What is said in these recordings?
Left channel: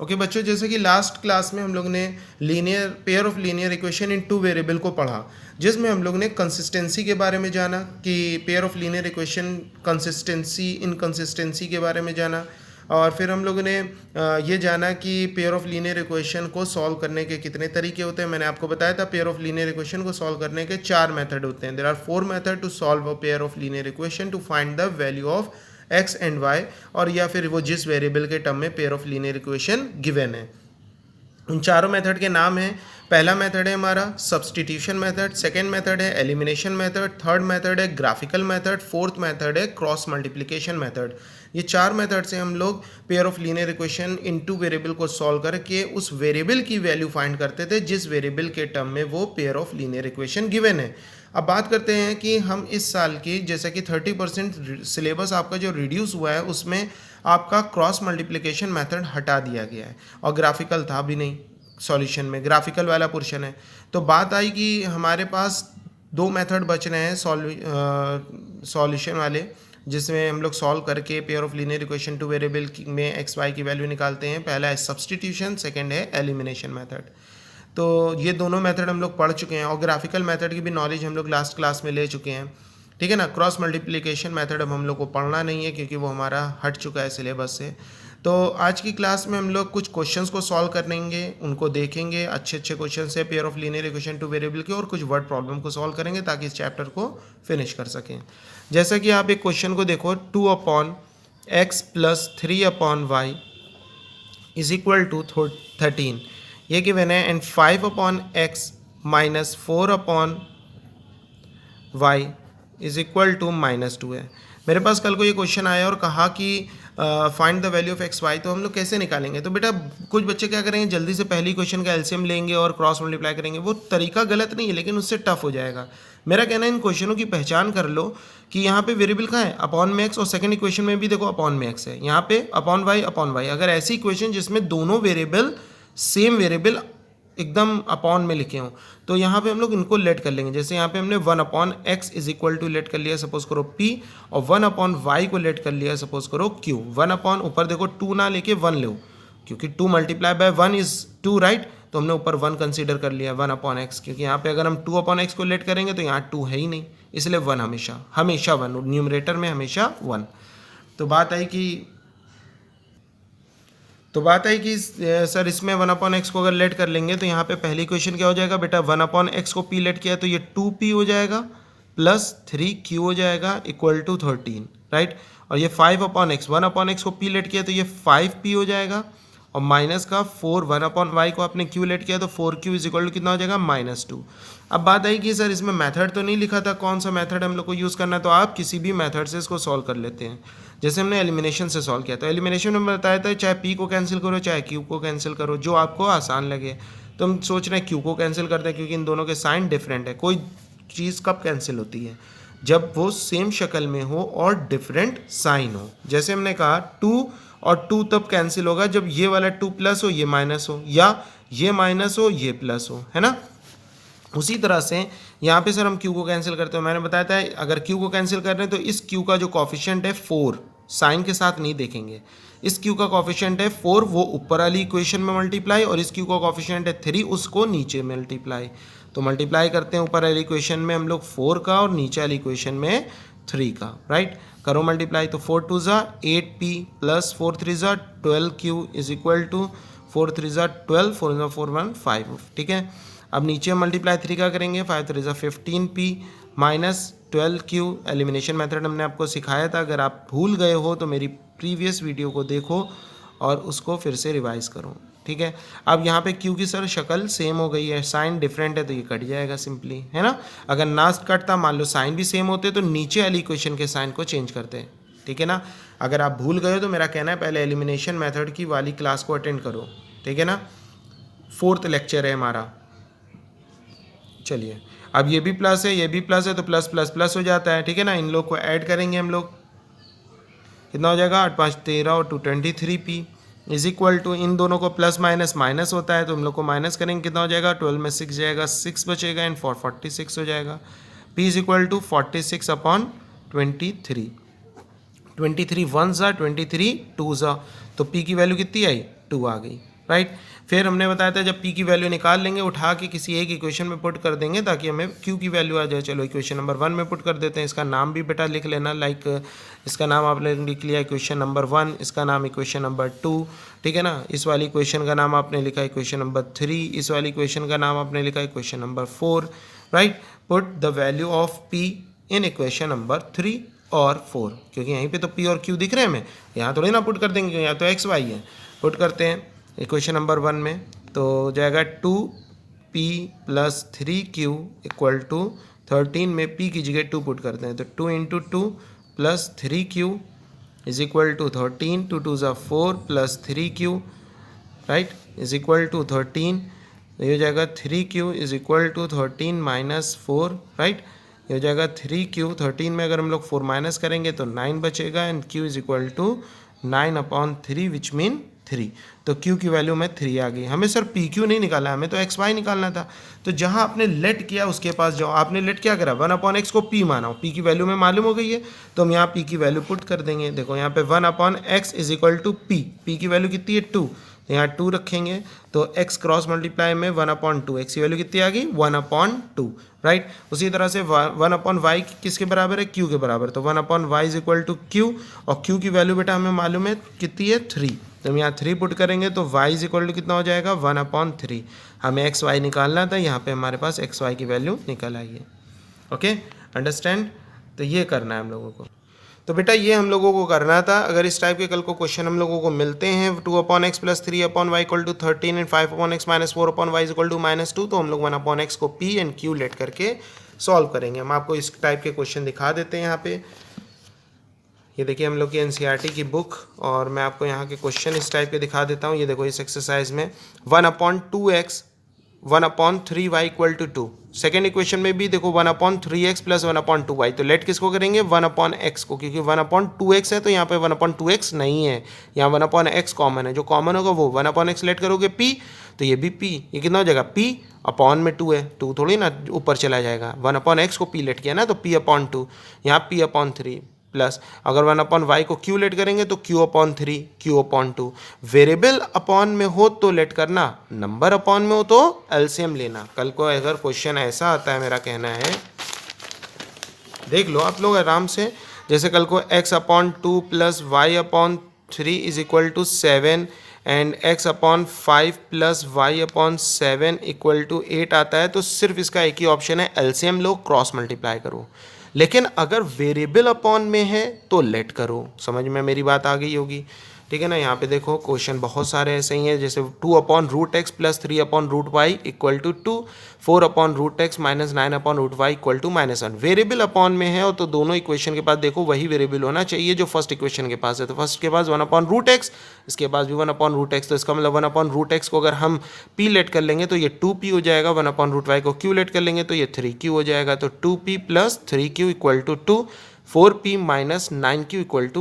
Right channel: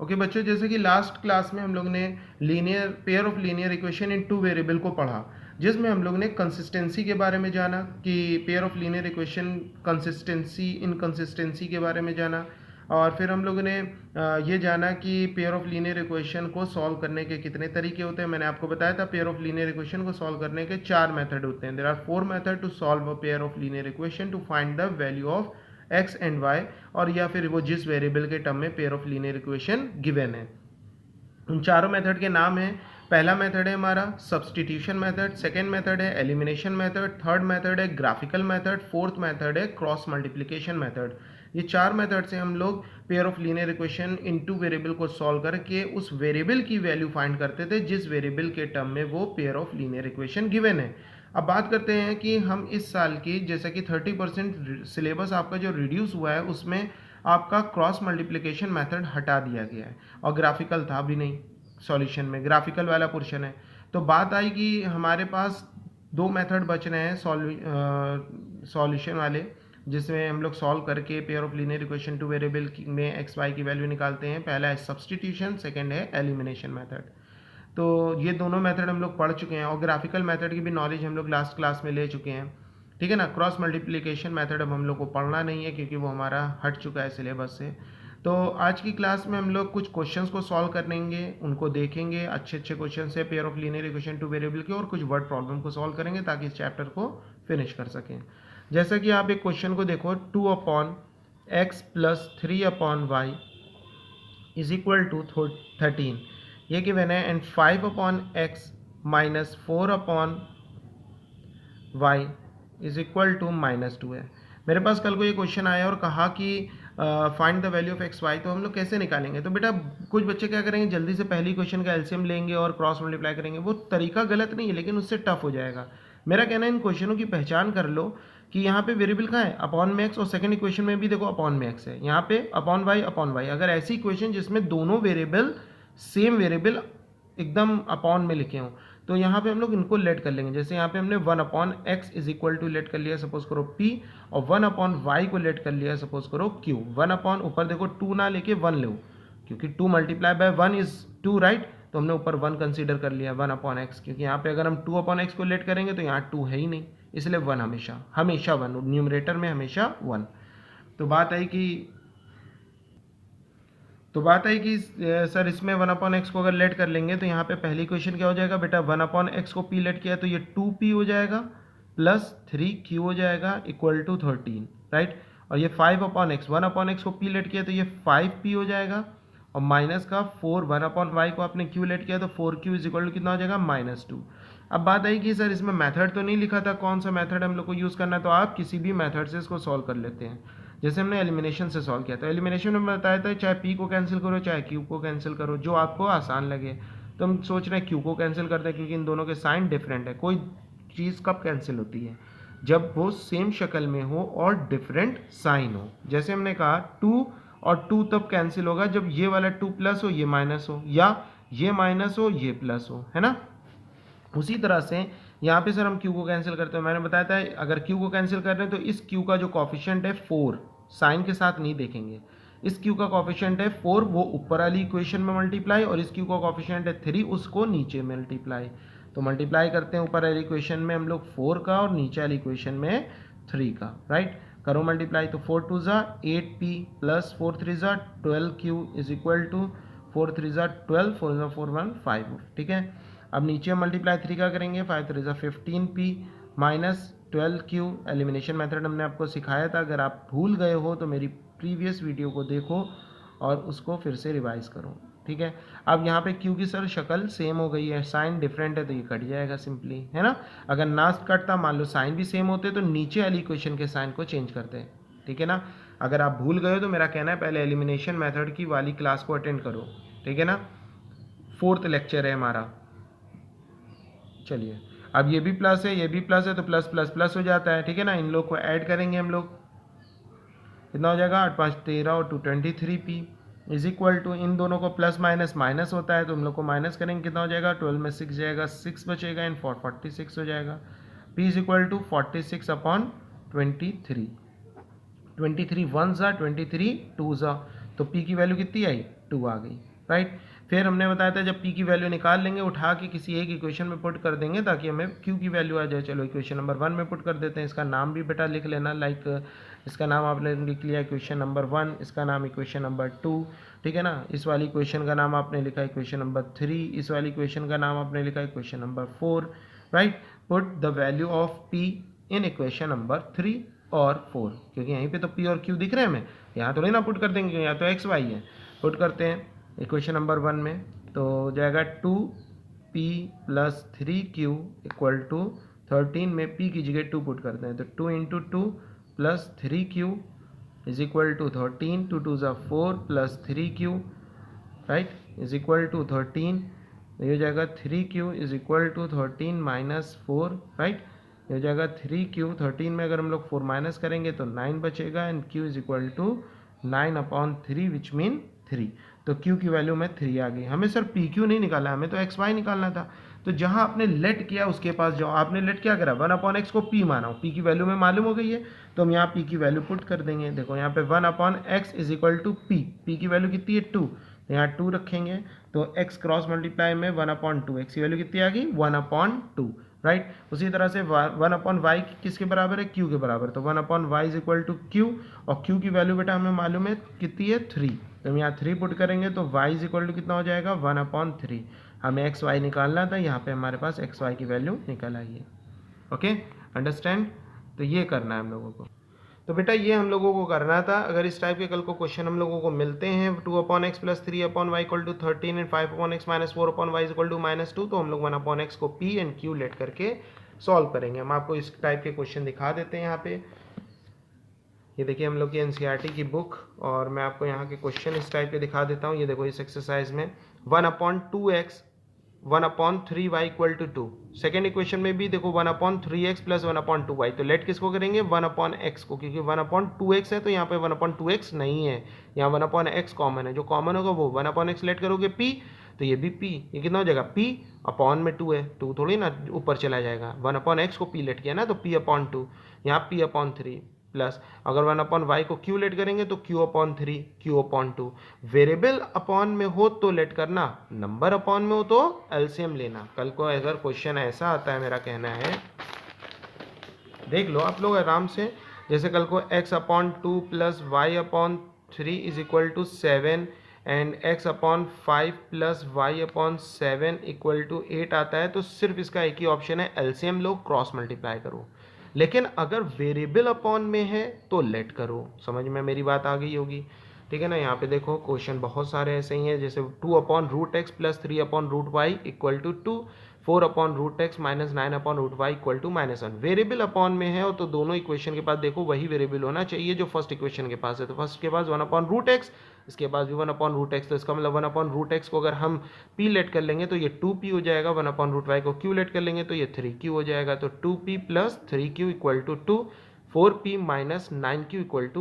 Okay बच्चों, जैसे कि लास्ट क्लास में हम लोग ने linear pair of linear equation in two variable को पढ़ा, जिसमें हम लोग ने कंसिस्टेंसी के बारे में जाना कि pair of linear equation consistency inconsistency के बारे में जाना। और फिर हम लोगों ने ये जाना कि पेयर ऑफ लीनियर इक्वेशन को सॉल्व करने के कितने तरीके होते हैं। मैंने आपको बताया था पेयर ऑफ लीनियर इक्वेशन को सॉल्व करने के 4 मेथड होते हैं। There are 4 method to solve a pair of linear equation to find the value of x and y, और या फिर वो जिस वेरिएबल के टर्म में pair of linear equation given है। उन चारों मेथड के नाम हैं, पहला मेथड है हमारा सब्सटीट्यूशन मेथड, सेकेंड मेथड है एलिमिनेशन मेथड, थर्ड मेथड है ग्राफिकल मेथड, फोर्थ मेथड है क्रॉस मल्टीप्लिकेशन मेथड। ये 4 मेथड से हम लोग pair of linear equation in two variable को सॉल्व करके उस वेरिएबल की वैल्यू फाइंड करते थे जिस वेरिएबल के टर्म में वो pair of linear equation given है। अब बात करते हैं कि हम इस साल की जैसे कि 30% सिलेबस आपका जो रिड्यूस हुआ है उसमें आपका क्रॉस मल्टीप्लिकेशन मेथड हटा दिया गया है और ग्राफिकल था भी नहीं, सॉल्यूशन में ग्राफिकल वाला पोर्शन है। तो बात आई कि हमारे पास 2 मेथड बच रहे हैं सॉल्यूशन वाले, जिसमें हम लोग सॉल्व करके pair of linear equation two variable में एक्स वाई की वैल्यू निकालते हैं। पहला है सब्सटीट्यूशन, सेकेंड है एलिमिनेशन मेथड। तो ये दोनों मेथड हम लोग पढ़ चुके हैं और ग्राफिकल मेथड की भी नॉलेज हम लोग लास्ट क्लास में ले चुके हैं, ठीक है ना। क्रॉस मल्टीप्लिकेशन मेथड अब हम लोग को पढ़ना नहीं है क्योंकि वो हमारा हट चुका है सिलेबस से। तो आज की क्लास में हम लोग कुछ क्वेश्चंस को सॉल्व करेंगे, उनको देखेंगे, अच्छे अच्छे क्वेश्चन है pair of linear equation two variable के, और कुछ वर्ड प्रॉब्लम को सॉल्व करेंगे ताकि इस चैप्टर को फिनिश कर सकें। जैसा कि आप एक क्वेश्चन को देखो, 2/x + 3/y is equal to 13, ये गिवन है, and 5/x - 4/y is equal to -2 है। मेरे पास कल को ये क्वेश्चन आया और कहा कि find the value of x y, तो हम लोग कैसे निकालेंगे। तो बेटा कुछ बच्चे क्या करेंगे, जल्दी से पहली क्वेश्चन का एलसीएम लेंगे और क्रॉस मल्टीप्लाई करेंगे। वो तरीका गलत नहीं है लेकिन उससे टफ हो जाएगा। मेरा कहना है इन क्वेश्चनों की पहचान कर लो कि यहाँ पे वेरिएबल कहाँ है, अपॉन में एक्स, और सेकंड इक्वेशन में भी देखो अपॉन में एक्स है, यहाँ पे अपॉन वाई। अगर ऐसी इक्वेशन जिसमें दोनों वेरिएबल सेम वेरिएबल एकदम अपॉन में लिखे हों तो यहाँ पे हम लोग इनको लेट कर लेंगे। जैसे यहाँ पे हमने 1/x is equal to late कर लिया सपोज करो p, और 1/y को लेट कर लिया सपोज करो q। 1/ ऊपर देखो 2 ना लेके 1 लो, क्योंकि 2 × 1 इज 2, राइट। तो हमने ऊपर 1 कंसीडर कर लिया 1/x, क्योंकि यहाँ पे अगर हम 2/x को लेट करेंगे तो यहाँ 2 है ही नहीं, इसलिए 1 हमेशा 1, न्यूमरेटर में हमेशा 1। तो बात आई कि सर इसमें 1/x को अगर लेट कर लेंगे तो यहाँ पे पहली इक्वेशन क्या हो जाएगा बेटा, 1/x को p लेट किया तो ये 2p हो जाएगा प्लस 3q हो जाएगा इक्वल टू 13, राइट। और ये 5/x, 1/x को p लेट किया तो ये 5p हो जाएगा, और माइनस का 4, 1/y को आपने q लेट किया तो 4q इज इक्वल टू कितना हो जाएगा, -2। अब बात आई कि सर इसमें मेथड तो नहीं लिखा था, कौन सा मेथड हम लोग को यूज़ करना है। तो आप किसी भी मेथड से इसको सॉल्व कर लेते हैं। जैसे हमने एलिमिनेशन से सॉल्व किया, तो एलिमिनेशन में बताया था चाहे p को कैंसिल करो चाहे q को कैंसिल करो, जो आपको आसान लगे। तो हम सोच रहे हैं q को कैंसिल करते हैं क्योंकि इन दोनों के साइन डिफरेंट है। कोई चीज़ कब कैंसिल होती है, जब वो सेम शक्ल में हो और डिफरेंट साइन हो। जैसे हमने कहा 2 और 2 तब कैंसिल होगा जब ये वाला 2 प्लस हो ये माइनस हो, या ये माइनस हो ये प्लस हो, है ना। उसी तरह से यहाँ पे सर हम q को कैंसिल करते हैं। मैंने बताया था अगर q को कैंसिल कर रहे हैं तो इस q का जो कॉफिशिएंट है 4, साइन के साथ नहीं देखेंगे, इस q का कॉफिशिएंट है 4, वो ऊपर वाली इक्वेशन में मल्टीप्लाई, और इस q का कॉफिशिएंट है 3, उसको नीचे मल्टीप्लाई। तो मल्टीप्लाई करते हैं ऊपर वाली इक्वेशन में हम लोग 4 का और नीचे वाली इक्वेशन में 3 का, राइट। करो मल्टीप्लाई, तो 4 2 ज़ा 8p प्लस 4 3 ज़ा 12q इज इक्वल टू 4 3 ज़ा 12, 4 ज़ा 4 1 5, ठीक है। अब नीचे मल्टीप्लाई 3 का करेंगे, 5 3 ज़ा 15p minus 12q। Elimination method हमने आपको सिखाया था, अगर आप भूल गए हो तो मेरी प्रीवियस वीडियो को देखो और उसको फिर से रिवाइज करो, ठीक है। अब यहाँ पे q की सर शक्ल सेम हो गई है, साइन डिफरेंट है तो ये कट जाएगा सिंपली, है ना। अगर ना कटता, मान लो साइन भी सेम होते तो नीचे वाली इक्वेशन के साइन को चेंज करते, ठीक है ना। अगर आप भूल गए हो तो मेरा कहना है पहले एलिमिनेशन मेथड की वाली क्लास को अटेंड करो, ठीक है ना। 4th लेक्चर है हमारा। चलिए, अब ये भी प्लस है ये भी प्लस है तो प्लस प्लस प्लस हो जाता है, ठीक है ना। इन लोग को ऐड करेंगे हम लोग, कितना हो जाएगा, 8 5 13 और 2 23p इज इक्वल टू, इन दोनों को प्लस माइनस माइनस होता है तो हम लोग को माइनस करेंगे, कितना हो जाएगा, 12 में 6 जाएगा, 6 बचेगा, एंड 46 हो जाएगा। p इज इक्वल टू 46/23, 23 1 ज़ा 23 2 ज़ा, तो p की वैल्यू कितनी आई 2 आ गई, राइट। फिर हमने बताया था जब p की वैल्यू निकाल लेंगे उठा के किसी एक इक्वेशन में पुट कर देंगे ताकि हमें q की वैल्यू आ जाए। चलो इक्वेशन नंबर 1 में पुट कर देते हैं। इसका नाम भी बेटा लिख लेना, लाइक इसका नाम आपने लिख लिया इक्वेशन नंबर 1, इसका नाम इक्वेशन नंबर 2, ठीक है ना। इस वाली इक्वेशन का नाम आपने लिखा इक्वेशन नंबर 3, इस वाली इक्वेशन का नाम आपने लिखा equation number 4, right. Put the value of p in equation number 3 और 4, क्योंकि यहीं पे तो p और q दिख रहे हैं हमें, यहाँ थोड़ी ना पुट कर देंगे, यहाँ तो x y है। पुट करते हैं इक्वेशन नंबर 1 में, तो हो जाएगा 2p + 3q = 13 में p की जगह 2 पुट करते हैं, तो 2 × 2 + 3q = 13, 2 2 = 4 + 3q, राइट, = 13। ये हो जाएगा 3q = 13 - 4, राइट। ये हो जाएगा 3q, 13 में अगर हम लोग 4 माइनस करेंगे तो 9 बचेगा, एंड q = 9/3 विच मीन 3। तो q की वैल्यू में 3 आ गई। हमें सर pq नहीं निकाला, हमें तो xy निकालना था। तो जहां आपने लेट किया उसके पास जाओ, आपने लेट क्या करा, 1/x को p माना, p की वैल्यू में मालूम हो गई है, तो हम यहाँ p की वैल्यू पुट कर देंगे। देखो यहाँ पे 1/x = p की वैल्यू कितनी है 2, तो यहाँ 2 रखेंगे, तो x क्रॉस मल्टीप्लाई में 1/2, x की वैल्यू कितनी आ गई 1/2, राइट। उसी तरह से 1/y किसके बराबर है, q के बराबर, तो 1/y = q, और q की वैल्यू बेटा हमें मालूम है कितनी है 3, तो हम यहाँ 3 पुट करेंगे तो y = कितना हो जाएगा 1/3। हमें एक्स वाई निकालना था, यहाँ पे हमारे पास एक्स वाई की वैल्यू निकल आई है। Okay, understand. तो ये करना है हम लोगों को। तो बेटा ये हम लोगों को करना था। अगर इस टाइप के कल को क्वेश्चन हम लोगों को मिलते हैं 2/x + 3/y = 13 and 5/x - 4/y = -2, तो हम लोग 1/x को p एंड q लेट करके सॉल्व करेंगे। हम आपको इस टाइप के क्वेश्चन दिखा देते हैं यहाँ पे। ये देखिए हम लोग की एनसीईआरटी की बुक, और मैं आपको यहाँ के क्वेश्चन इस टाइप के दिखा देता हूँ। ये देखो इस एक्सरसाइज में 1/2x 1/3y = 2। सेकेंड इक्वेशन में भी देखो 1/3x + 1/2y, तो लेट किसको करेंगे 1/x को, क्योंकि 1/2x है तो यहाँ पे 1/2x नहीं है, यहाँ 1/x कॉमन है, जो कॉमन होगा वो 1/x लेट करोगे p, तो ये भी p, ये कितना हो जाएगा p अपॉन में 2 है, 2 थोड़ी ना ऊपर चला जाएगा, 1/x को p लेट किया ना, तो p/2, यहाँ p/3 प्लस अगर 1/y को q लेट करेंगे तो q/3 q/2। वेरिएबल अपॉन में हो तो लेट करना, नंबर अपॉन में हो तो एलसीएम लेना। कल को अगर क्वेश्चन ऐसा आता है, मेरा कहना है देख लो आप लोग आराम से, जैसे कल को x/2 + y/3 = 7 and x/5 + y/7 = 8 आता है, तो सिर्फ इसका एक ही ऑप्शन है, एलसीएम लो, क्रॉस मल्टीप्लाई करो। लेकिन अगर वेरिएबल अपॉन में है तो लेट करो। समझ में मेरी बात आ गई होगी, ठीक है ना। यहाँ पे देखो क्वेश्चन बहुत सारे ऐसे ही हैं, जैसे 2/√x + 3/√y = 2, 4/√x - 9/√y = -1। Variable upon में है और तो दोनों इक्वेशन के पास देखो वही वेरिएबल होना चाहिए जो फर्स्ट इक्वेशन के पास है। तो फर्स्ट के पास 1/√x, इसके पास भी 1/√x, तो इसका मतलब 1/√x को अगर हम p लेट कर लेंगे तो ये 2p हो जाएगा, 1/√y को q लेट कर लेंगे तो ये 3q हो जाएगा, तो 2p + 3q = 2, 4p - 9q =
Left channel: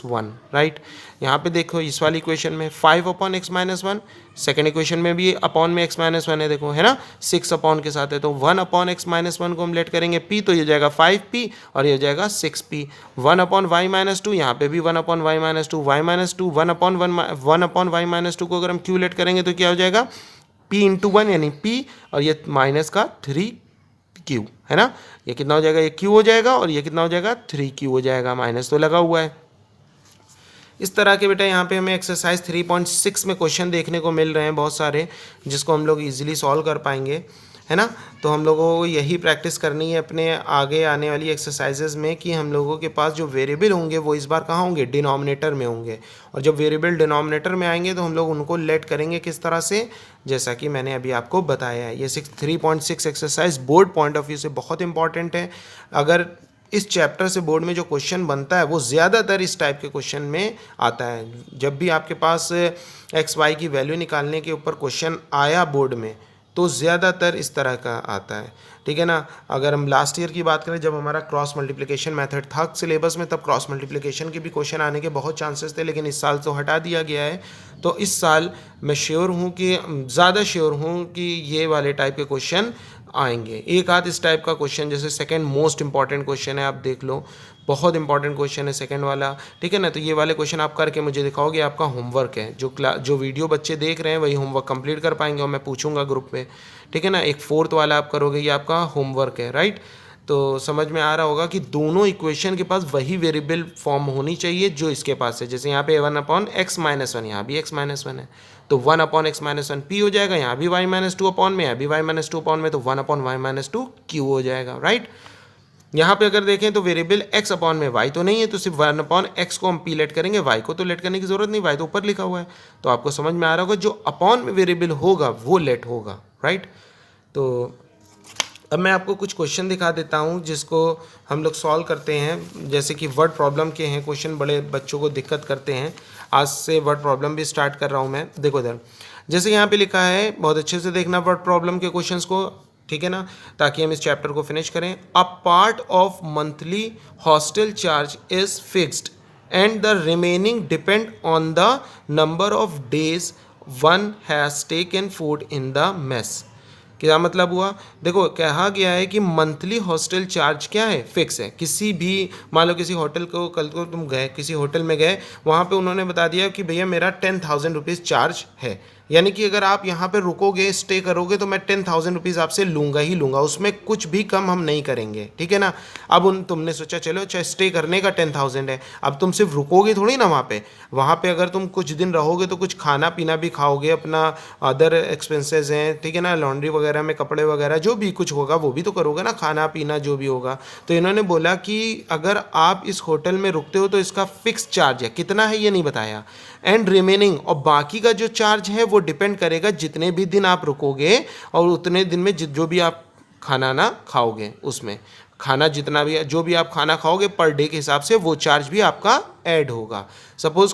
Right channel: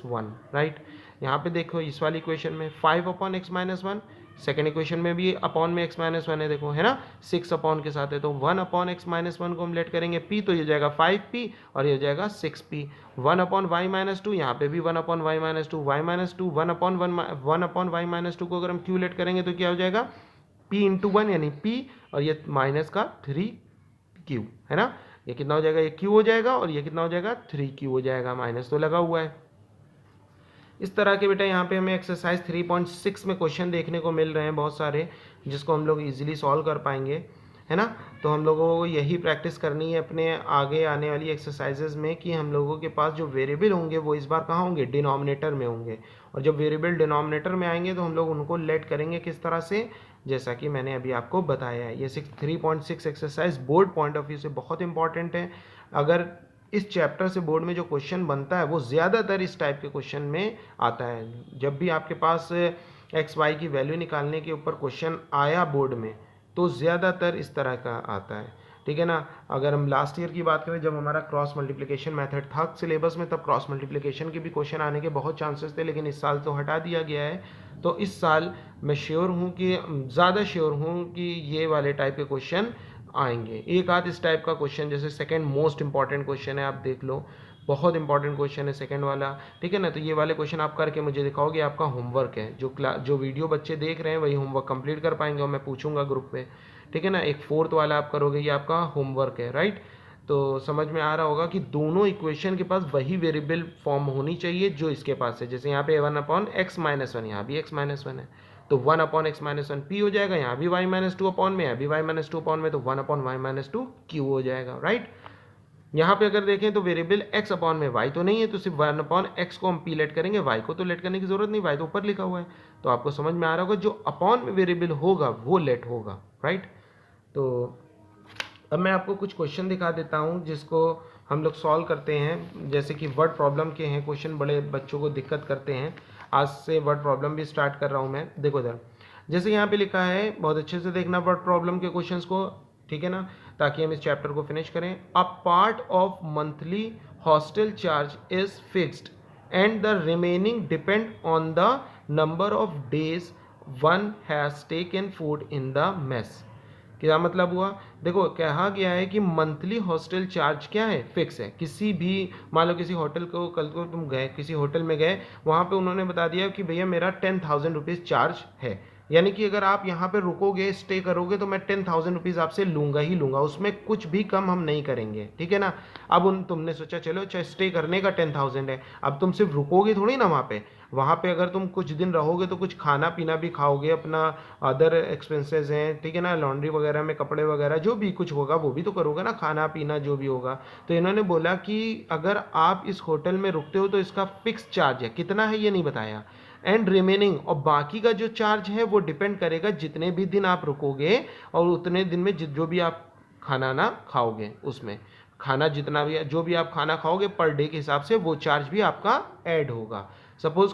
-1, right. यहाँ पे देखो इस वाली इक्वेशन में 5/x - 1, सेकेंड इक्वेशन में भी अपॉन में x - 1 है, देखो है ना, 6 अपॉन के साथ है, तो 1/x - 1 को हम लेट करेंगे p, तो ये जाएगा 5p और ये जाएगा 6p। 1/y - 2, यहाँ पे भी 1/y - 2, y - 2, 1/y - 2 को अगर हम q लेट करेंगे तो क्या हो जाएगा p × 1 यानी p, और ये माइनस का 3q है ना, ये कितना हो जाएगा, ये q हो जाएगा, और ये कितना हो जाएगा 3q हो जाएगा, माइनस तो लगा हुआ है। इस तरह के बेटा यहाँ पे हमें एक्सरसाइज 3.6 में क्वेश्चन देखने को मिल रहे हैं बहुत सारे, जिसको हम लोग इजीली सॉल्व कर पाएंगे, है ना। तो हम लोगों को यही प्रैक्टिस करनी है अपने आगे आने वाली एक्सरसाइजेज में, कि हम लोगों के पास जो वेरिएबल होंगे वो इस बार कहाँ होंगे, डिनोमिनेटर में होंगे, और जब वेरिएबल डिनोमिनेटर में आएंगे तो हम लोग उनको लेट करेंगे किस तरह से, जैसा कि मैंने अभी आपको बताया है। ये 3.6 exercise board point of view से बहुत इंपॉर्टेंट है। अगर इस चैप्टर से बोर्ड में जो क्वेश्चन बनता है वो ज़्यादातर इस टाइप के क्वेश्चन में आता है। जब भी आपके पास एक्स वाई की वैल्यू निकालने के ऊपर क्वेश्चन आया बोर्ड में तो ज़्यादातर इस तरह का आता है, ठीक है ना। अगर हम लास्ट ईयर की बात करें, जब हमारा क्रॉस मल्टीप्लिकेशन मेथड था सिलेबस में, तब क्रॉस मल्टीप्लिकेशन के भी क्वेश्चन आने के बहुत चांसेस थे, लेकिन इस साल तो हटा दिया गया है। तो इस साल मैं श्योर हूँ कि ज़्यादा श्योर हूँ कि ये वाले टाइप के क्वेश्चन आएंगे। एक आध इस टाइप का क्वेश्चन, जैसे सेकंड मोस्ट इंपॉर्टेंट क्वेश्चन है, आप देख लो, बहुत इंपॉर्टेंट क्वेश्चन है सेकंड वाला, ठीक है ना। तो ये वाले क्वेश्चन आप करके मुझे दिखाओगे, आपका होमवर्क है। जो वीडियो बच्चे देख रहे हैं वही होमवर्क कंप्लीट कर पाएंगे और मैं पूछूंगा ग्रुप में, ठीक है ना। एक फोर्थ वाला आप करोगे, ये आपका होमवर्क है, राइट। तो समझ में आ रहा होगा कि दोनों इक्वेशन के पास वही वेरिएबल फॉर्म होनी चाहिए जो इसके पास है। जैसे यहाँ पे 1/x-1, यहाँ भी x-1 है, तो 1/x-1 p हो जाएगा, यहाँ भी y-2 अपॉन में, यहाँ भी y-2 अपॉन में, तो 1/y-2 q हो जाएगा, राइट। यहाँ पे अगर देखें तो वेरिएबल x अपॉन में y तो नहीं है, तो सिर्फ 1/x को हम p लेट करेंगे, y को तो लेट करने की जरूरत नहीं, y तो ऊपर लिखा हुआ है। तो आपको समझ में आ रहा होगा जो अपॉन में वेरिएबल होगा वो लेट होगा, राइट। तो अब मैं आपको कुछ क्वेश्चन दिखा देता हूँ जिसको हम लोग सॉल्व करते हैं। जैसे कि वर्ड प्रॉब्लम के हैं क्वेश्चन, बड़े बच्चों को दिक्कत करते हैं। आज से वर्ड प्रॉब्लम भी स्टार्ट कर रहा हूँ मैं। देखो इधर, जैसे यहाँ पे लिखा है, बहुत अच्छे से देखना वर्ड प्रॉब्लम के क्वेश्चंस को, ठीक है ना, ताकि हम इस चैप्टर को फिनिश करें। A part of monthly hostel charge is fixed and the remaining depend on the number of days one has taken food in the mess. क्या मतलब हुआ? देखो कहा गया है कि मंथली हॉस्टल चार्ज क्या है, फिक्स है। किसी भी, मान लो किसी होटल को, कल को तुम गए किसी होटल में गए, वहाँ पे उन्होंने बता दिया कि भैया मेरा 10,000 रुपीज़ चार्ज है, यानी कि अगर आप यहाँ पे रुकोगे, स्टे करोगे, तो मैं 10,000 रुपीज़ आपसे लूँगा ही लूँगा, उसमें कुछ भी कम हम नहीं करेंगे, ठीक है ना। अब तुमने सोचा चलो अच्छा स्टे करने का 10,000 है, अब तुम सिर्फ रुकोगे थोड़ी ना वहाँ पे अगर तुम कुछ दिन रहोगे तो कुछ खाना पीना भी खाओगे, अपना अदर एक्सपेंसेस हैं, ठीक है ना, लॉन्ड्री वगैरह में कपड़े वगैरह जो भी कुछ होगा वो भी तो करोगे ना, खाना पीना जो भी होगा। तो इन्होंने बोला कि अगर आप इस होटल में रुकते हो तो इसका फिक्स चार्ज है, कितना है ये नहीं बताया, एंड रिमेनिंग, और बाकी का जो चार्ज है वो डिपेंड करेगा जितने भी दिन आप रुकोगे और उतने दिन में जो भी आप खाना ना खाओगे, उसमें खाना जितना भी जो भी आप खाना खाओगे पर डे के हिसाब से वो चार्ज भी आपका ऐड होगा। सपोज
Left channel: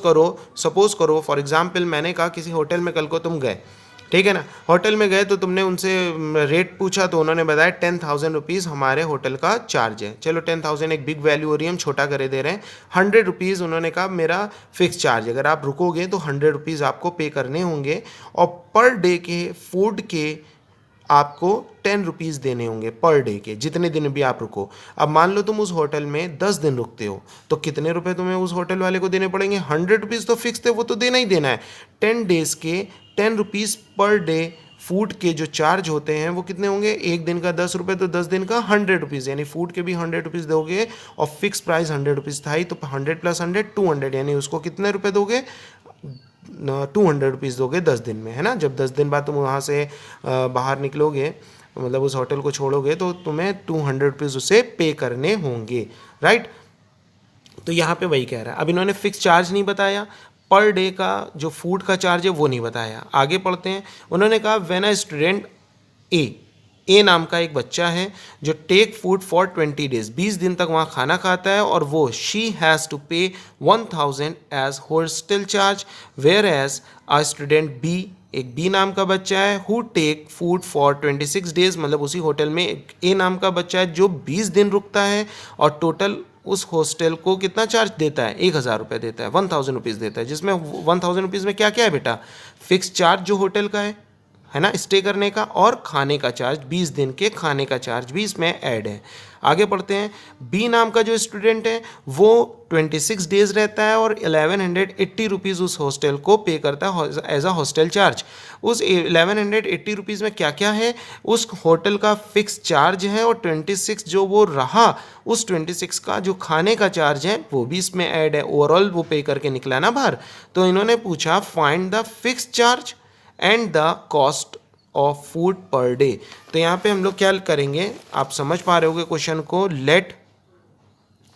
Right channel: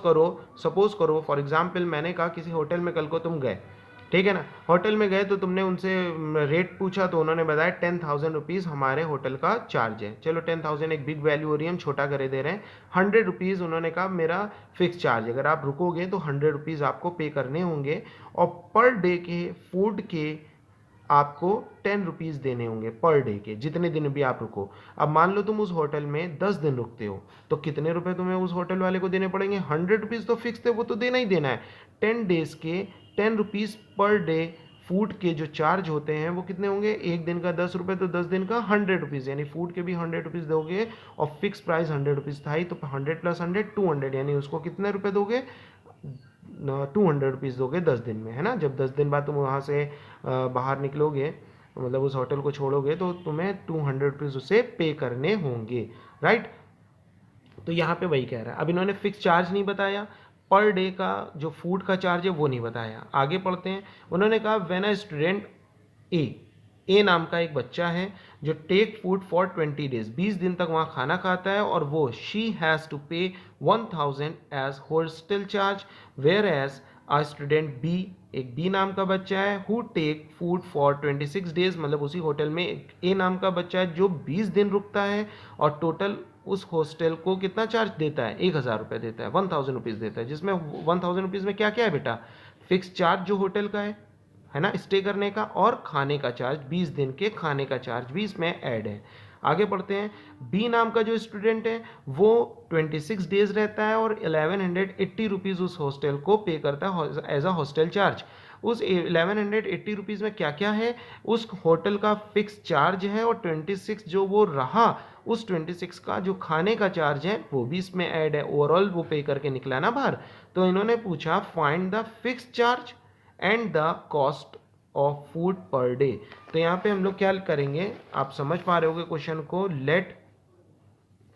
करो फॉर एग्जांपल, मैंने कहा किसी होटल में कल को तुम गए, ठीक है ना, होटल में गए तो तुमने उनसे रेट पूछा तो उन्होंने बताया 10,000 रुपीज़ हमारे होटल का चार्ज है। चलो 10,000 एक बिग वैल्यू हो रही है, हम छोटा करे दे रहे हैं। 100 रुपीज़ उन्होंने कहा मेरा फिक्स चार्ज, अगर आप रुकोगे तो 100 रुपीज़ आपको पे करने होंगे, और पर डे के फूड के आपको 10 रुपीज़ देने होंगे पर डे के, जितने दिन भी आप रुको। अब मान लो तुम उस होटल में 10 दिन रुकते हो, तो कितने रुपए तुम्हें उस होटल वाले को देने पड़ेंगे? 100 रुपीज़ तो फिक्स थे, वो तो देना ही देना है। 10 डेज़ के 10 रुपीज़ पर डे फूड के जो चार्ज होते हैं वो कितने होंगे? एक दिन का 10 रुपये, तो 10 दिन का 100 रुपीज़, यानी फूड के भी 100 रुपीज़ दोगे, और फिक्स प्राइस 100 रुपीज़ था ही, तो 100 + 100 200, यानी उसको कितने रुपए दोगे? 200 रुपीज़ दोगे 10 दिन में, है ना। जब 10 दिन बाद तुम वहाँ से बाहर निकलोगे, मतलब उस होटल को छोड़ोगे, तो तुम्हें 200 रुपीज़ उसे पे करने होंगे, राइट। तो यहाँ पे वही कह रहा है। अब इन्होंने फिक्स चार्ज नहीं बताया, पर डे का जो फूड का चार्ज है वो नहीं बताया। आगे पढ़ते हैं। उन्होंने कहा व्हेन अ स्टूडेंट ए नाम का एक बच्चा है जो टेक फूड फॉर 20 डेज, 20 दिन तक वहाँ खाना खाता है, और वो she has to pay 1,000 as hostel charge, whereas a student B, एक बी नाम का बच्चा है, who take food for 26 days, मतलब उसी होटल में एक ए नाम का बच्चा है जो 20 दिन रुकता है, और टोटल उस हॉस्टल को कितना चार्ज देता है? 1,000 रुपये देता है, 1,000 रुपीज़ देता है, जिसमें 1,000 रुपीज़ में क्या क्या है बेटा? फिक्स चार्ज जो होटल का है ना, स्टे करने का, और खाने का चार्ज, 20 दिन के खाने का चार्ज भी इसमें ऐड है। आगे पढ़ते हैं। बी नाम का जो स्टूडेंट है वो 26 डेज रहता है और 1180 रुपीज़ उस हॉस्टल को पे करता है एज अ हॉस्टल चार्ज। उस 1180 रुपीज़ में क्या क्या है? उस होटल का फिक्स चार्ज है, और 26 जो वो रहा, उस 26 का जो खाने का चार्ज है वो भी इसमें ऐड है। ओवरऑल वो पे करके निकला ना बाहर। तो इन्होंने पूछा find the fix charge and the cost of food per day. तो यहाँ पे हम लोग क्या करेंगे, आप समझ पा रहे होगे क्वेश्चन को। Let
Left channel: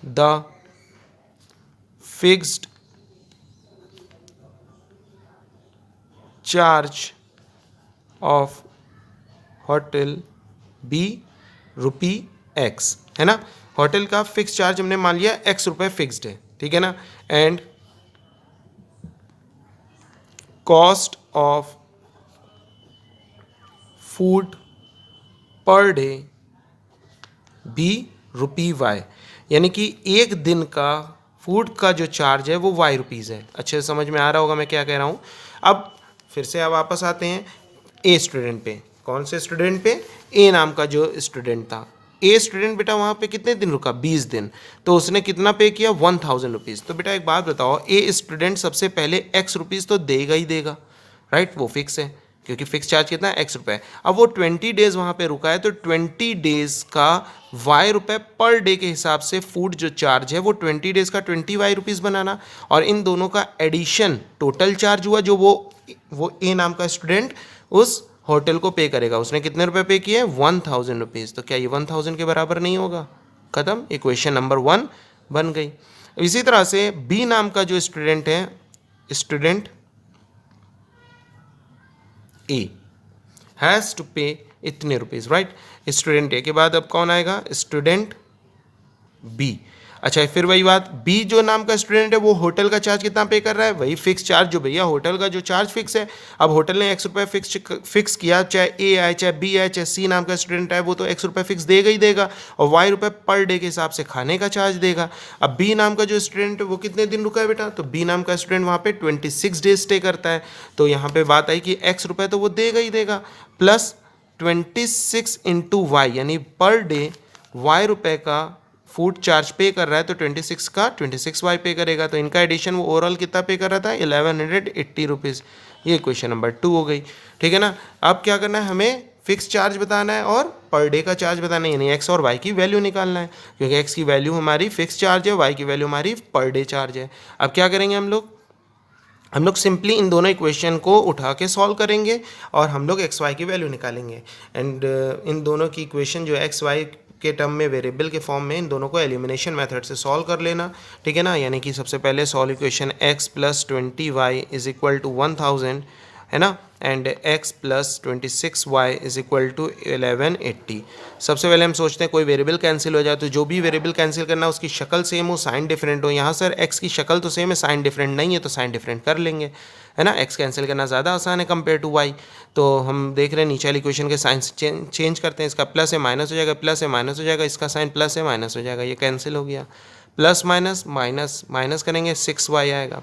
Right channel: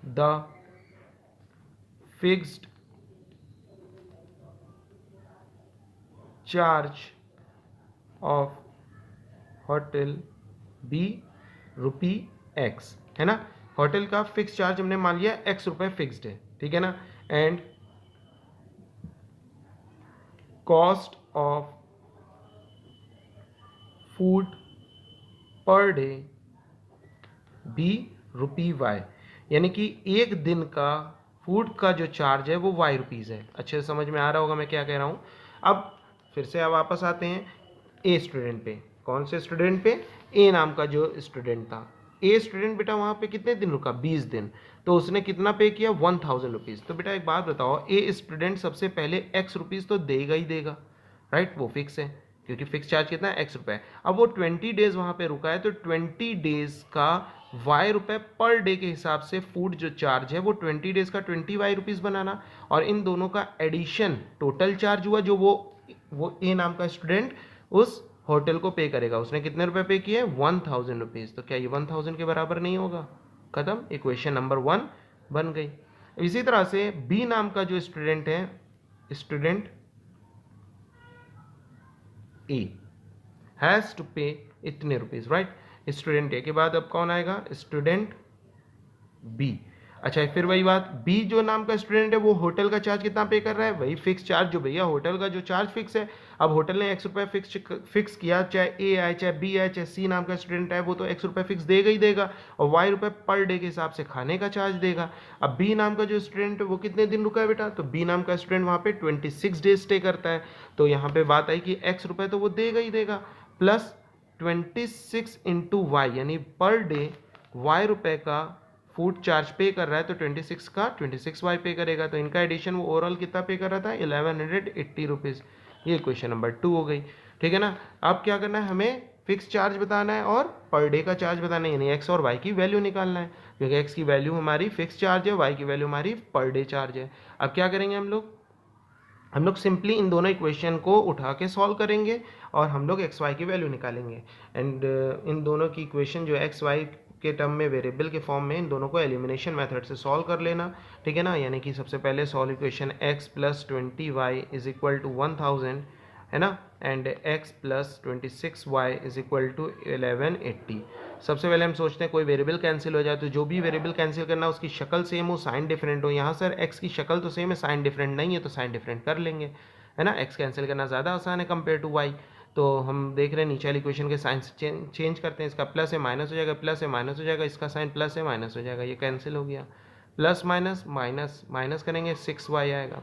the fixed charge of hotel be ₹X, है ना। होटल का फिक्स चार्ज हमने मान लिया X रुपये फिक्स्ड है, ठीक है ना, and cost of food per day ₹Y, यानी कि एक दिन का फूड का जो चार्ज है वो Y रुपीज़ है। अच्छे से समझ में आ रहा होगा मैं क्या कह रहा हूँ। अब फिर से अब वापस आते हैं ए स्टूडेंट पे। कौन से स्टूडेंट पे? ए नाम का जो स्टूडेंट था, ए स्टूडेंट बेटा वहाँ पे कितने दिन रुका, 20 दिन, तो उसने कितना पे किया, 1000 रुपीज़। तो बेटा एक बात बताओ, ए स्टूडेंट सबसे पहले एक्स रुपीज़ तो देगा ही देगा, राइट, वो फिक्स है क्योंकि फिक्स चार्ज कितना है, एक्स रुपये। अब वो 20 डेज वहाँ पे रुका है, तो 20 डेज का वाई रुपये पर डे के हिसाब से फूड जो चार्ज है वो 20 डेज का 20 वाई रुपीज़ बनाना, और इन दोनों का एडिशन टोटल चार्ज हुआ जो वो ए नाम का स्टूडेंट उस होटल को पे करेगा। उसने कितने रुपए पे किए, 1000 रुपीज़। तो क्या ये 1000 के बराबर नहीं होगा, खत्म, इक्वेशन नंबर 1 बन गई। इसी तरह से बी नाम का जो स्टूडेंट है, स्टूडेंट ए हैज़ टू पे इतने रुपीज़, राइट। स्टूडेंट ए के बाद अब कौन आएगा, स्टूडेंट बी। अच्छा फिर वही बात, बी जो नाम का स्टूडेंट है वो होटल का चार्ज कितना पे कर रहा है, वही फिक्स चार्ज जो भैया होटल का जो चार्ज फिक्स है। अब होटल ने एक्स रुपये फिक्स किया, चाहे ए आए चाहे बी आए चाहे सी नाम का स्टूडेंट आए, वो तो एक्स रुपये फिक्स देगा ही देगा, और वाई रुपये पर डे के हिसाब से खाने का चार्ज देगा। अब बी नाम का जो स्टूडेंट है वो कितने दिन रुका है बेटा, तो बी नाम का स्टूडेंट वहाँ पे 26 डेज स्टे करता है, तो यहाँ पे बात आई कि एक्स रुपये तो वो देगा ही देगा, प्लस 26 इंटू वाई, यानी पर डे वाई रुपये का फूड चार्ज पे कर रहा है, तो 26 का 26 वाई पे करेगा, तो इनका एडिशन वो ओवरऑल कितना पे कर रहा था, 1180 रुपीज़। ये क्वेश्चन नंबर 2 हो गई, ठीक है ना। अब क्या करना है, हमें फिक्स चार्ज बताना है और पर डे का चार्ज बताना है, यानी एक्स और वाई की वैल्यू निकालना है, क्योंकि एक्स की वैल्यू हमारी फिक्स चार्ज है, वाई की वैल्यू हमारी पर डे चार्ज है। अब क्या करेंगे हम लोग सिंपली इन दोनों इक्वेशन को उठा के सॉल्व करेंगे और हम लोग एक्स वाई की वैल्यू निकालेंगे। एंड इन दोनों की इक्वेशन जो एक्स वाई के टर्म में वेरिएबल के फॉर्म में, इन दोनों को एलिमिनेशन मेथड से सॉल्व कर लेना, ठीक है ना। यानी कि सबसे पहले solve equation x plus 20y is equal to 1000, है ना, and x plus 26y is equal to 1180। सबसे पहले हम सोचते हैं कोई वेरिएबल कैंसिल हो जाए, तो जो भी वेरिएबल कैंसिल करना उसकी शक्ल सेम हो, साइन डिफरेंट हो। यहाँ सर x की शक्ल तो सेम है, साइन डिफरेंट नहीं है, तो साइन डिफरेंट कर लेंगे, है ना। x कैंसिल करना ज़्यादा आसान है कंपेयर टू y। तो हम देख रहे हैं नीचे वाली इक्वेशन के साइन चेंज करते हैं, इसका प्लस है माइनस हो जाएगा, प्लस है माइनस हो जाएगा, इसका साइन प्लस है माइनस हो जाएगा, ये कैंसिल हो गया। प्लस माइनस माइनस माइनस करेंगे 6y आएगा,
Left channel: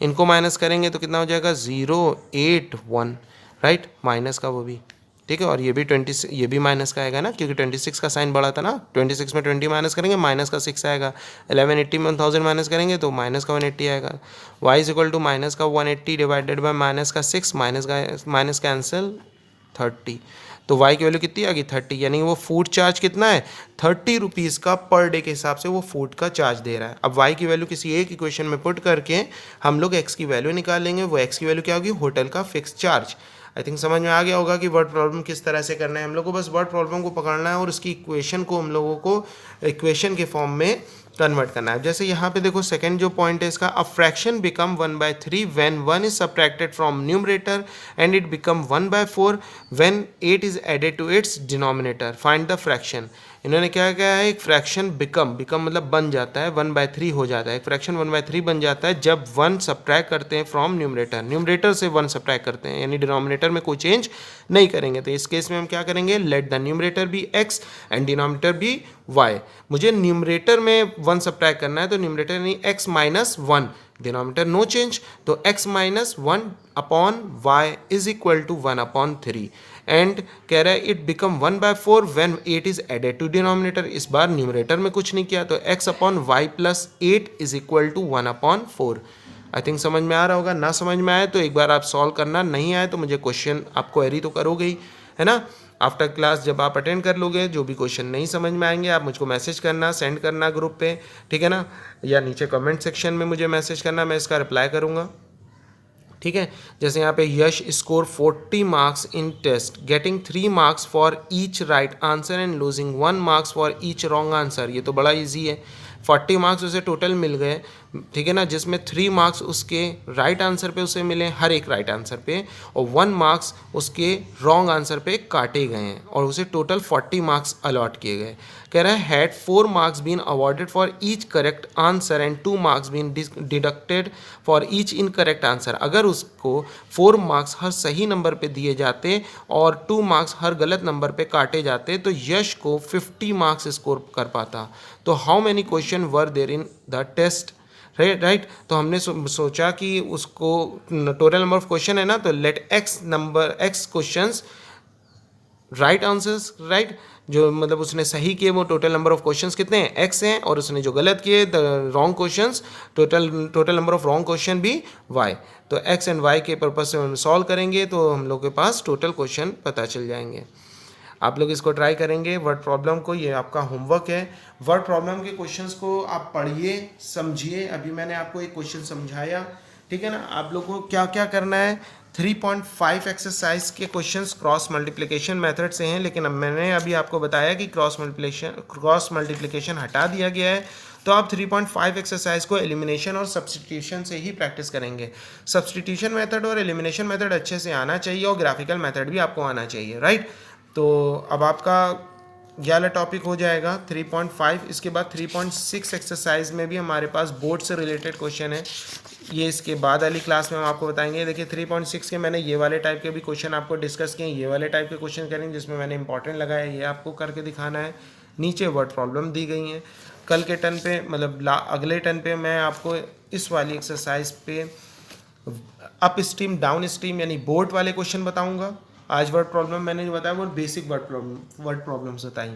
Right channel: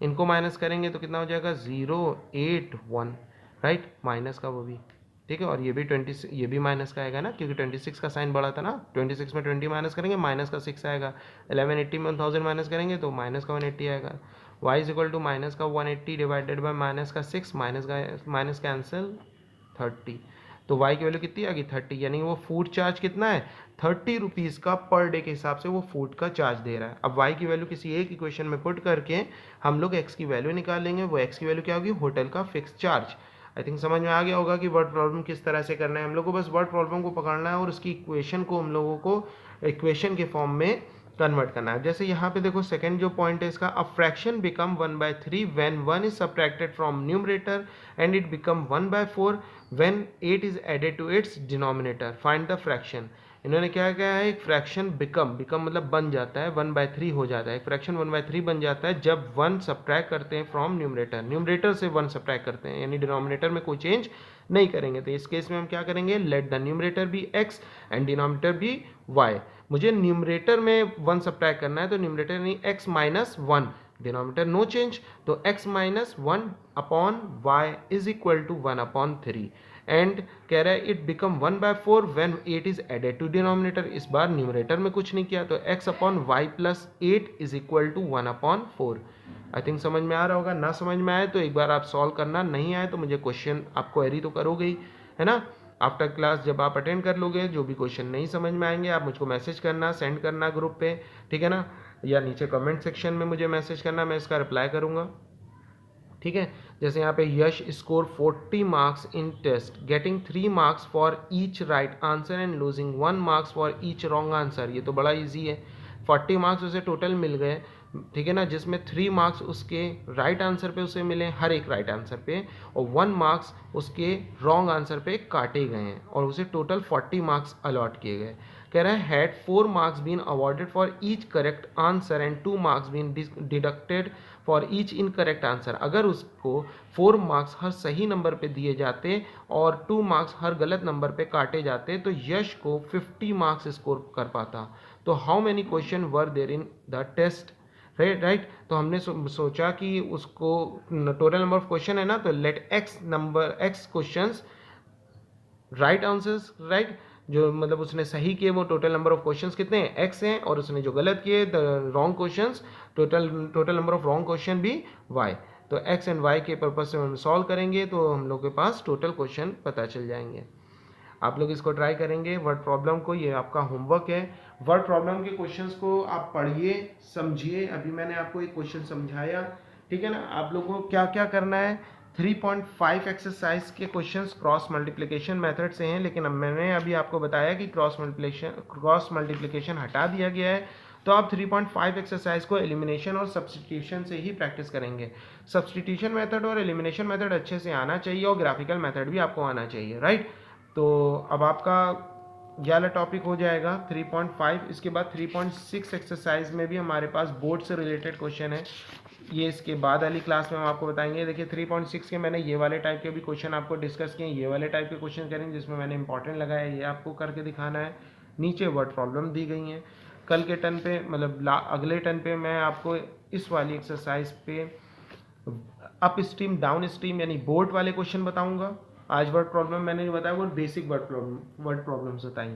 इनको माइनस करेंगे तो कितना हो जाएगा 081, राइट, माइनस का वो भी, ठीक है। और ये भी 20, ये भी माइनस का आएगा ना, क्योंकि 26 का साइन बड़ा था ना, 26 में 20 माइनस करेंगे माइनस का 6 आएगा, 1180 में 1000 माइनस करेंगे तो माइनस का 180 आएगा। y is equal to minus का 180 डिवाइडेड बाय माइनस का 6, माइनस कैंसिल 30, तो y की वैल्यू कितनी आ गई 30, यानी वो फूड चार्ज कितना है 30 रुपीज़ का पर डे के हिसाब से वो फूड का चार्ज दे रहा है। अब y की वैल्यू किसी एक इक्वेशन में पुट करके हम लोग x की वैल्यू निकाल लेंगे, वो x की वैल्यू क्या होगी, होटल का फिक्स चार्ज। आई थिंक समझ में आ गया होगा कि वर्ड प्रॉब्लम किस तरह से करना है। हम लोग को बस वर्ड प्रॉब्लम को पकड़ना है और उसकी इक्वेशन को हम लोगों को इक्वेशन के फॉर्म में कन्वर्ट करना है। जैसे यहाँ पे देखो सेकंड जो पॉइंट है इसका, a fraction become 1/3 when 1 is subtracted from numerator and it become 1/4 when 8 is added to its denominator, find the fraction. इन्होंने क्या किया है, एक फ्रैक्शन बिकम मतलब बन जाता है 1/3 हो जाता है, एक फ्रैक्शन 1/3 बन जाता है जब 1 सब्ट्रैक्ट करते हैं फ्रॉम न्यूमरेटर से 1 सब्ट्रैक्ट करते हैं, यानी डिनोमिनेटर में कोई चेंज नहीं करेंगे। तो इस केस में हम क्या करेंगे, let the numerator be x and denominator be y। मुझे न्यूमरेटर में 1 सब्ट्रैक्ट करना है, तो न्यूमरेटर यानी x minus 1, denominator no change, तो x minus 1 upon y is equal to 1/3। And कह रहा है it become 1/4 when 8 is added to denominator. इस बार न्यूमरेटर में कुछ नहीं किया, तो x upon y plus 8 is equal to 1/4। I think समझ में आ रहा होगा, ना समझ में आए तो एक बार आप सॉल्व करना, नहीं आए तो मुझे क्वेश्चन आप क्वेरी तो करोगे ही, है ना। आफ्टर क्लास जब आप अटेंड कर लोगे, जो भी क्वेश्चन नहीं समझ में आएंगे आप मुझको मैसेज करना, सेंड करना ग्रुप पे, ठीक है ना, या नीचे कमेंट सेक्शन में मुझे मैसेज करना, मैं इसका रिप्लाई करूँगा, ठीक है। जैसे यहाँ पे Yash score 40 marks in test, getting 3 marks for each right answer and losing 1 marks for each wrong answer. ये तो बड़ा इजी है, 40 मार्क्स उसे टोटल मिल गए, ठीक है ना, जिसमें 3 मार्क्स उसके राइट आंसर पे उसे मिले, हर एक राइट आंसर पे, और 1 मार्क्स उसके रॉन्ग आंसर पे काटे गए हैं, और उसे टोटल 40 मार्क्स अलॉट किए गए। कह रहा है had 4 marks been awarded for each correct answer and 2 marks been deducted for each incorrect answer. अगर उसको 4 मार्क्स हर सही नंबर पे दिए जाते और 2 मार्क्स हर गलत नंबर पे काटे जाते तो यश को 50 मार्क्स स्कोर कर पाता। तो how many question were there in the test, right. तो हमने सोचा कि उसको टोटल नंबर ऑफ क्वेश्चन है ना, तो let x questions right answers, right, जो मतलब उसने सही किए वो टोटल नंबर ऑफ क्वेश्चंस कितने हैं, एक्स हैं, और उसने जो गलत किए the wrong questions total number of wrong question भी वाई। तो एक्स एंड वाई के पर्पज से हम सॉल्व करेंगे तो हम लोग के पास टोटल क्वेश्चन पता चल जाएंगे। आप लोग इसको ट्राई करेंगे वर्ड प्रॉब्लम को, ये आपका होमवर्क है। वर्ड प्रॉब्लम के क्वेश्चंस को आप पढ़िए, समझिए। अभी मैंने आपको एक क्वेश्चन समझाया, ठीक है ना। आप लोगों को क्या क्या करना है, 3.5 एक्सरसाइज के क्वेश्चंस क्रॉस मल्टीप्लिकेशन मेथड से हैं, लेकिन अब मैंने अभी आपको बताया कि क्रॉस मल्टीप्लिकेशन हटा दिया गया है, तो आप 3.5 एक्सरसाइज को एलिमिनेशन और सब्स्टिट्यूशन से ही प्रैक्टिस करेंगे। सब्स्टिट्यूशन मेथड और एलिमिनेशन मेथड अच्छे से आना चाहिए और ग्राफिकल मेथड भी आपको आना चाहिए, राइट। तो अब आपका ये वाला टॉपिक हो जाएगा 3.5। इसके बाद 3.6 एक्सरसाइज में भी हमारे पास बोर्ड से रिलेटेड क्वेश्चन है, ये इसके बाद वाली क्लास में हम आपको बताएंगे। देखिए 3.6 के मैंने ये वाले टाइप के भी क्वेश्चन आपको डिस्कस किए, ये वाले टाइप के क्वेश्चन करेंगे जिसमें मैंने इंपॉर्टेंट लगाया, ये आपको करके दिखाना है। नीचे वर्ड प्रॉब्लम दी गई हैं। कल के टर्न पे मतलब अगले टर्न पे मैं आपको इस वाली एक्सरसाइज पे अप स्ट्रीम डाउन स्ट्रीम यानी बोर्ड वाले क्वेश्चन बताऊंगा। आज वर्ड प्रॉब्लम मैंने जो बताया वो बेसिक वर्ड प्रॉब्लम्स बताई।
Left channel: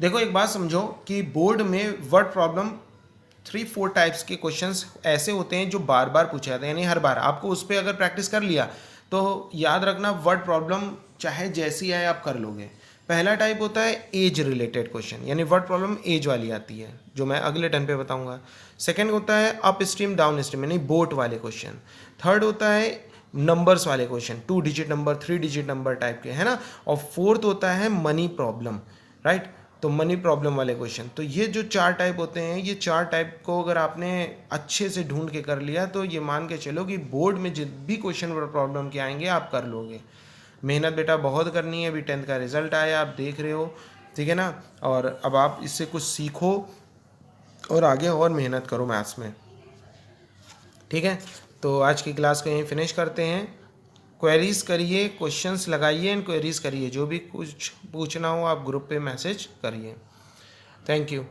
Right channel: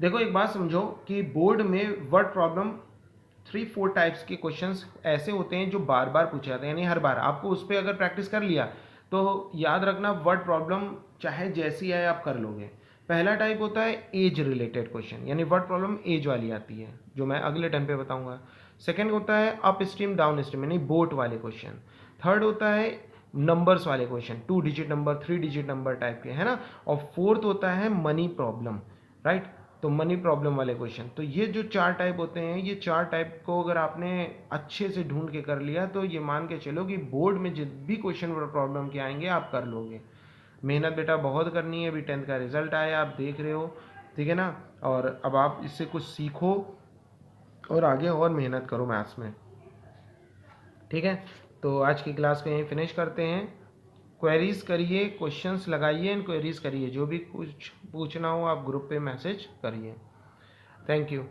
देखो एक बात समझो कि बोर्ड में वर्ड प्रॉब्लम 3-4 टाइप्स के क्वेश्चंस ऐसे होते हैं जो बार बार पूछे जाते हैं, यानी हर बार आपको उस पर अगर प्रैक्टिस कर लिया तो याद रखना वर्ड प्रॉब्लम चाहे जैसी आए आप कर लोगे। पहला टाइप होता है एज रिलेटेड क्वेश्चन, यानी वर्ड प्रॉब्लम एज वाली आती है जो मैं अगले टर्न पे बताऊंगा। सेकंड होता है अप स्ट्रीम डाउन स्ट्रीम यानी बोट वाले क्वेश्चन। थर्ड होता है नंबर्स वाले question, 2 digit number 3 digit number type के, है ना। और फोर्थ होता है मनी प्रॉब्लम, राइट। तो मनी प्रॉब्लम वाले क्वेश्चन। तो ये जो 4 टाइप होते हैं, ये 4 टाइप को अगर आपने अच्छे से ढूंढ के कर लिया तो ये मान के चलो कि बोर्ड में जित भी क्वेश्चन प्रॉब्लम के आएंगे आप कर लोगे। मेहनत बेटा बहुत करनी है, अभी 10th का रिजल्ट आया आप देख रहे हो, ठीक है ना। और अब आप इससे कुछ सीखो और आगे और मेहनत करो मैथ्स में, ठीक है। तो आज की क्लास को यहीं फिनिश करते हैं। क्वेरीज करिए, क्वेश्चंस लगाइए एंड क्वेरीज करिए, जो भी कुछ पूछना हो आप ग्रुप पे मैसेज करिए। Thank you.